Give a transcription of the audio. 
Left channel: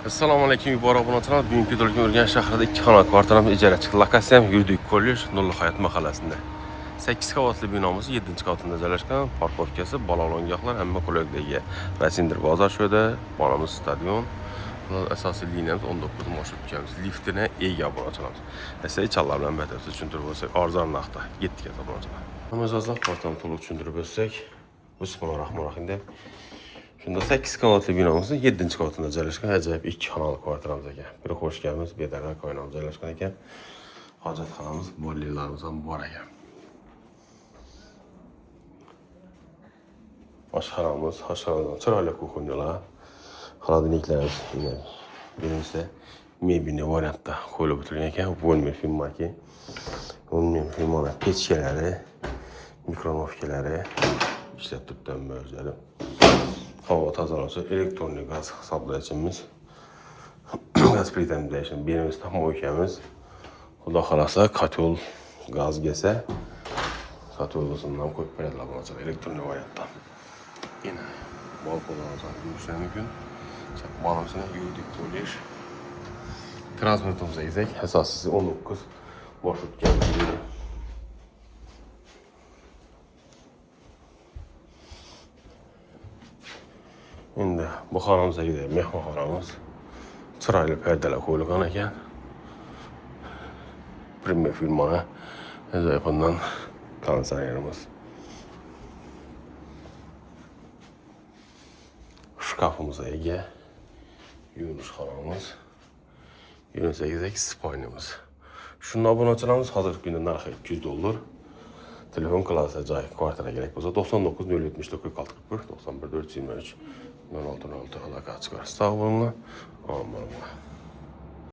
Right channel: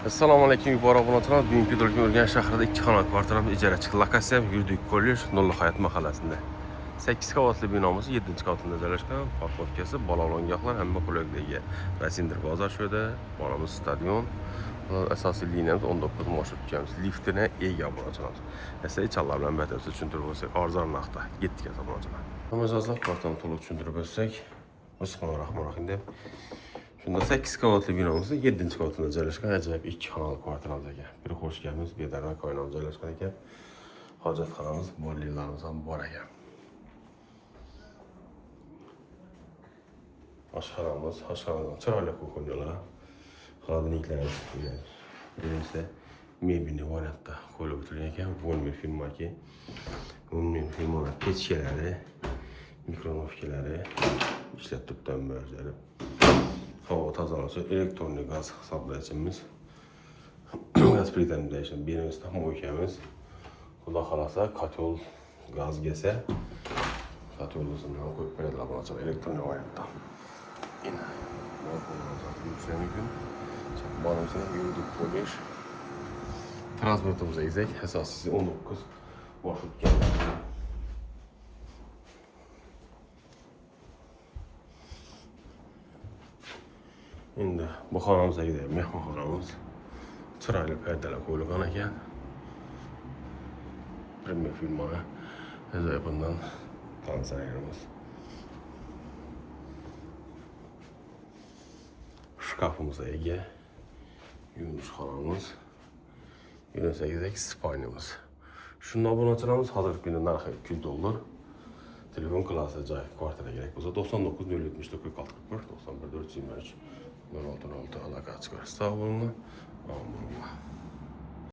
Assalomu alaykum, yuborak obunachilar. Bugungi videoda Urganch shahrida 2 xona kvartalamiz ijara chiqdi. Lokatsiyam Yuridik kollej, Nurli hayot mahallasida. 8 qavatli binomiz 7-qavatida joylashgan. Parkovkasi, bolalar hamma qulayliklarga. Rasindir bozor sho'da, bolamiz stadion. Asosiy liniyamiz 19 marshrutkamiz. Liftini ega obunachilarimiz. Esa challar bilan batafsil tushuntirib bo'lsak, arzon narxda 7 ga obunachilar. Namazozlar kvartalni to'liq tushuntirib bo'lsak, Bismillahirrohmanirrohim deb. Shunda 8 qavatli binomizda 7-qavatida joylashgan ajoyib 2 xonali kvartiramiz ekan. Bir xo'sh kelibmiz, bedarrak qo'ynamiz joylashgan ekan. Hojatxonamiz, bolalarimiz ham bor ekan. Oshxonamiz, chiroyli kuxonyalar. Xolodilniklarimiz birinchisi mebelli variantda qo'yilib o'tilgan ekan. Bo'lmay filmaki. Bo'lmay filmlar pechkalari, mikronovkalari ishlab turibdi o'zlari. Hava tozalashi, elektronik gaz hisoblayishimiz, gaz plitamizda birimiz mo'ykamiz. Xudo xolasa, kotel gaz kelsa, koteldan qo'yib beradilar bunaqa elektronik variantda. Yana balkonlarimizni ko'rishingiz mumkin. Balkonimizni Yuridik kollej. Transportimizda esa asosiysi 19 marshrutkamiz. Endi bu xonamizdagi mehmonxonamiz chiroyli perdalar qo'yilgan ekan. Premier firmani ajoyibundan konditsionerimiz. Shkafimizga ega yuvinish xonamiz. 28 spalnamiz. Shundan obunachilarimiz hozirgi kunda narxi $200. Telefon klassa joy kvartira kerak bo'lsa 99 074 46 41 91 423 06 06 aloqa chiqar. Sog' bo'linglar.